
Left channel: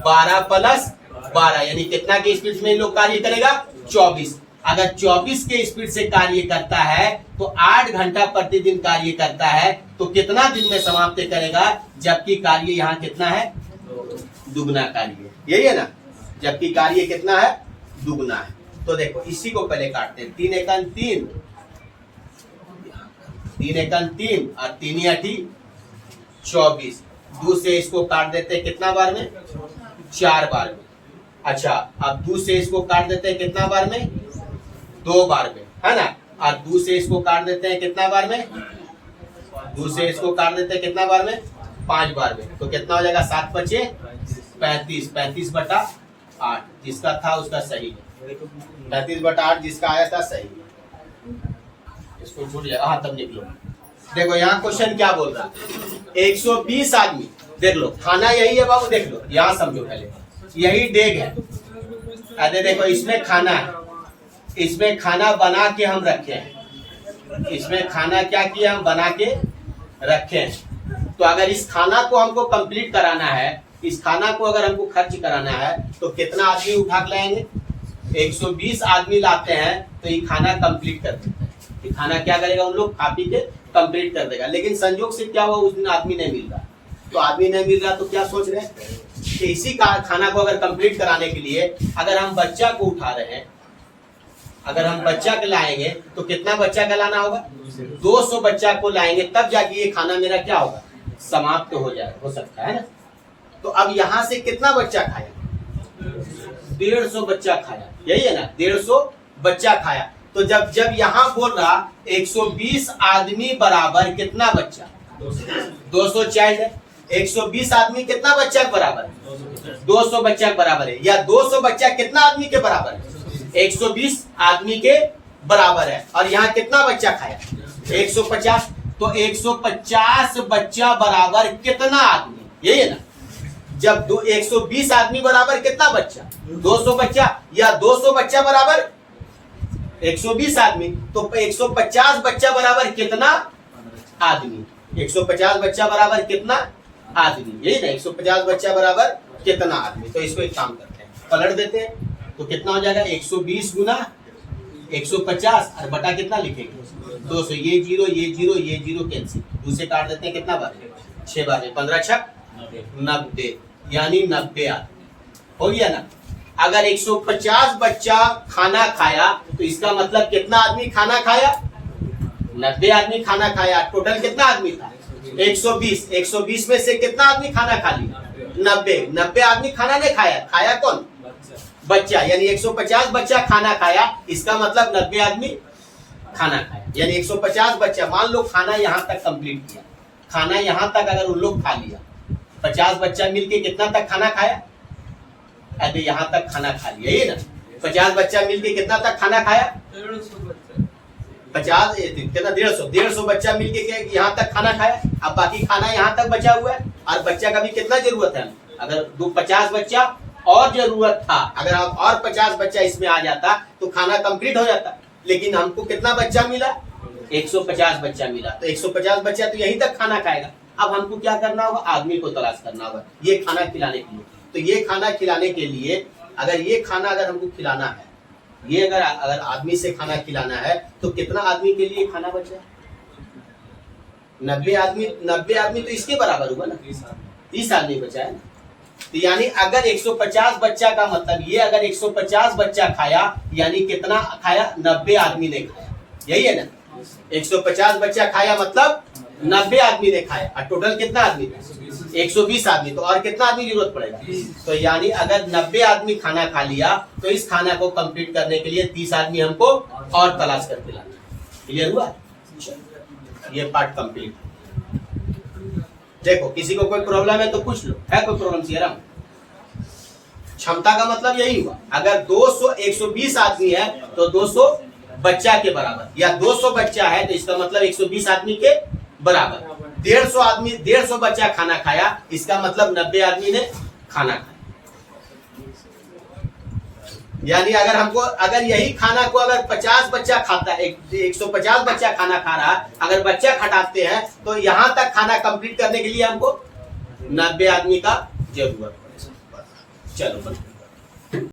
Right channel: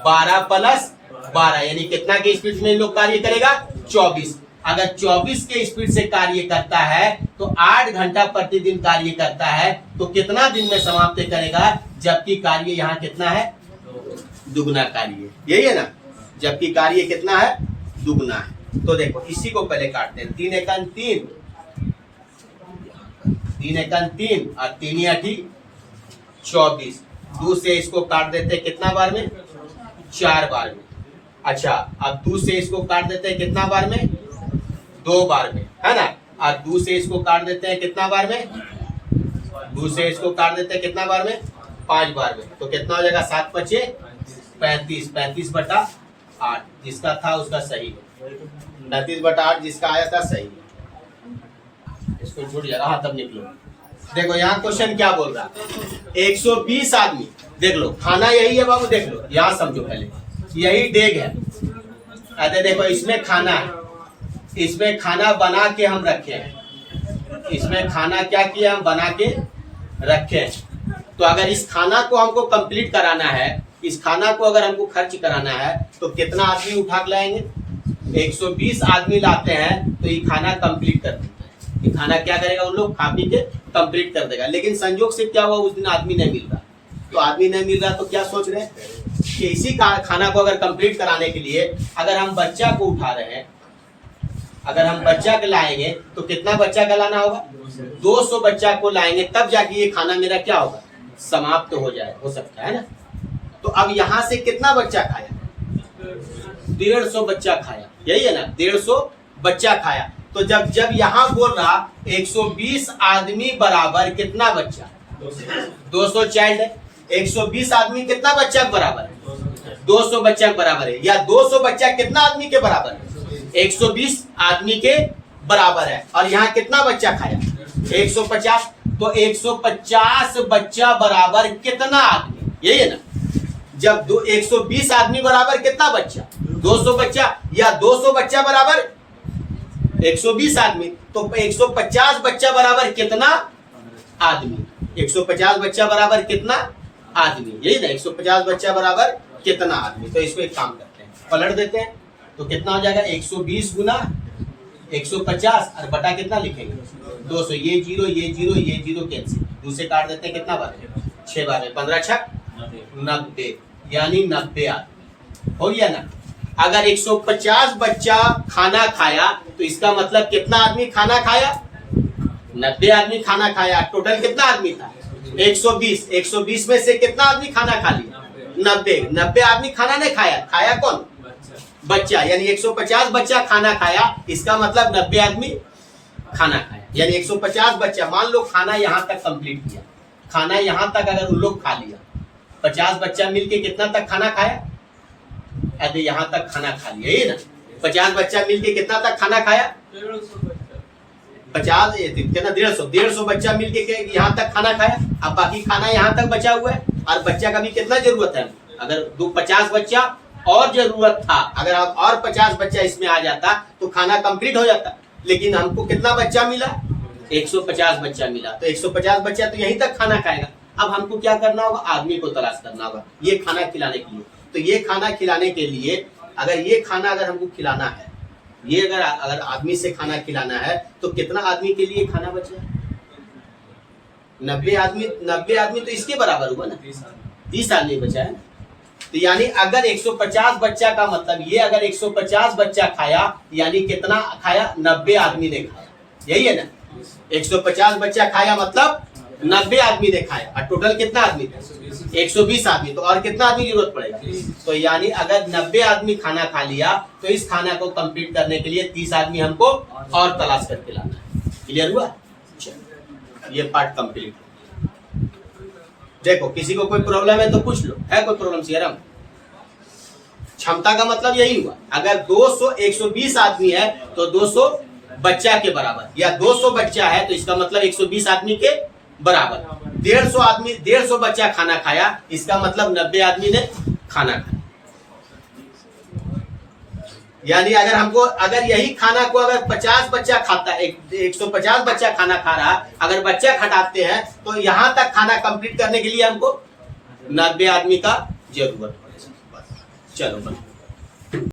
12 प्लस 12, यानी कितना के स्पीड में लोग कार्य करेगा 24। अगर 24 के स्पीड से कार्य करता है तो 8 घंटा प्रतिदिन कार्य करता है, तो कितना दिन में समाप्त करेगा, जबकि कार्य यहाँ कितना है, दुगना कार्य, यही है ना, जबकि कार्य कितना है, दुगना है। तो देखो इसी को पहले काटते हैं, 3 एकन 3, 3 एकन 3 और 3 8 24, 2 से इसको काट देते हैं कितना बार में, 4 बार में। अच्छा, अब 2 से इसको काट देते हैं कितना बार में, 2 बार में, है ना, और 2 से इसको काट देते हैं कितना बार में, 2 से इसको काट देते हैं कितना बार में, 5 बार में। तो कितना हो जाएगा 7 5 35, 35/8 जिसका था उसका सही है, 35/8 जिसका आया था सही है, इसको छूट जाएगा, हाँ तब निकलो। देखो यहाँ क्वेश्चन क्या बोल रहा है, 120 आदमी, देख लो खाना यही है बाबू, देख लो यहाँ समझो, पहले यही डेग है, अरे देखो इसमें खाना है, इसमें खाना बना के हम रखे हैं, इसमें खाना क्या किया हम बना के रखे हैं। तो अगर इस खाना को हमको कंप्लीट कराना है, इस खाना को अगर हमको खर्च कराना है तो कितना आदमी उठा के लाएंगे, 120 आदमी लाते हैं, तो ये खाना कंप्लीट कर देता है, ये खाना क्या करेगा, उन लोग खा पी के कंप्लीट कर देगा। लेकिन संयोग से क्या हुआ, उस दिन आदमी नहीं मिल रहा, तो आदमी नहीं मिल रहा तो क्या सोच रहे हैं कि इसी खाना को अगर कंप्लीट कराने के लिए अगर हम बच्चा को उठा रहे हैं, अगर हम बच्चा के लाएंगे तो कितना बच्चा का लाना होगा, 200 बच्चा को लाएंगे, तब जाके ये खाना मेरा क्या होगा, समाप्त हो जाए, हो सकता है ना। तो अब यहाँ से कितना बच्चा खाया, 150 बच्चा खाया, यही है ना, 150 बच्चा खाया। तो जब यहाँ बोल रहा 120 आदमी बराबर कितना बच्चा, 200 चाइल्ड है, 120 आदमी कितना बच्चा के बराबर है, 200 बच्चा के बराबर है, या 200 बच्चा कितना आदमी के बराबर है, 120 आदमी के बराबर है। और यहाँ कितना बच्चा खाया, 150, तो 150 बच्चा बराबर कितना आदमी, यही है ना। जब 120 आदमी बराबर कितना बच्चा, 200 बच्चा, या 200 बच्चा बराबर 120 आदमी, तो 150 बच्चा बराबर कितना आदमी, 150 बच्चा बराबर कितना आदमी, यही ना, 150 बच्चा बराबर कितना आदमी। तो इसको एक काम करते हैं, पलट देते हैं, तो कितना हो जाएगा, 120 गुना 150 और बटा कितना लिखेंगे 200, ये जीरो ये जीरो ये जीरो कैंसिल, दूसरे काट देते हैं, कितना बार 6 बार में 15 छक 90, यानी 90 आदमी हो गया ना। अगर 150 बच्चा खाना खाया तो इसका मतलब कितना आदमी खाना खाया, 90 आदमी खाना खाया। टोटल कितना आदमी था 120, 120 में से कितना आदमी खाना खा लिया 90 आदमी खाना नहीं खाया, खाया कौन बच्चा, यानी 150 बच्चा खाना खाया, इसका मतलब 90 आदमी खाना खाया, यानी 150 बच्चा। मान लो खाना यहाँ तक कंप्लीट किया, खाना यहाँ तक अगर उन लोग खा लिया, 50 बच्चा मिलके कितना तक खाना खाया, अरे यहाँ तक खाना खा लिया, ये ना 50 बच्चा मिलके कितना तक खाना खाया, 50 कितना 150 बच्चा मिलके यहाँ तक खाना खाया। अब बाकी खाना यहाँ तक बचा हुआ है, और बच्चा का भी कितना जरूरत है, अगर 50 बच्चा और जरूरत था, अगर आप और 50 बच्चा इसमें आ जाता तो खाना कंप्लीट हो जाता, लेकिन हमको कितना बच्चा मिला 150 बच्चा मिला, तो 150 बच्चा तो यहीं तक खाना खाएगा। अब हमको क्या करना होगा, आदमी को तलाश करना होगा ये खाना खिलाने के लिए। तो ये खाना खिलाने के लिए, अगर ये खाना अगर हमको खिलाना है, ये अगर आदमी से खाना खिलाना है तो कितना आदमी के लिए खाना बचा, 90 आदमी तो इसके बराबर हुआ ना, 30 आदमी बचा है ना। तो यानी अगर 150 बच्चा का मतलब ये, अगर 150 बच्चा खाया यानी कितना खाया, 90 आदमी ने खाया, यही है ना। 150 बच्चा खाया मतलब 90 आदमी ने खाया, और टोटल कितना आदमी था 120 आदमी, तो और कितना आदमी की जरूरत पड़ेगा। तो यानी अगर 90 आदमी खाना खा लिया तो इस खाना को कंप्लीट करने के लिए 30 आदमी हमको और तलाश करके लाना। क्लियर हुआ, ये पार्ट कंप्लीट। देखो किसी को कोई प्रॉब्लम है तो पूछ लो, है कोई प्रॉब्लम सीआरएम। क्षमता का मतलब यही हुआ, अगर 120 आदमी है तो 200 बच्चा के बराबर, या 200 बच्चा है तो इसका मतलब 120 आदमी के बराबर। 150 बच्चा खाना खाया, इसका मतलब 90 आदमी ने खाना खाया। यानी अगर हमको, अगर यही खाना को अगर 50 बच्चा खाता है, 150 बच्चा खाना खा रहा, अगर बच्चा घटाते हैं तो यहाँ तक खाना कंप्लीट करने के लिए हमको 90 आदमी का जरूरत है। चलो बस।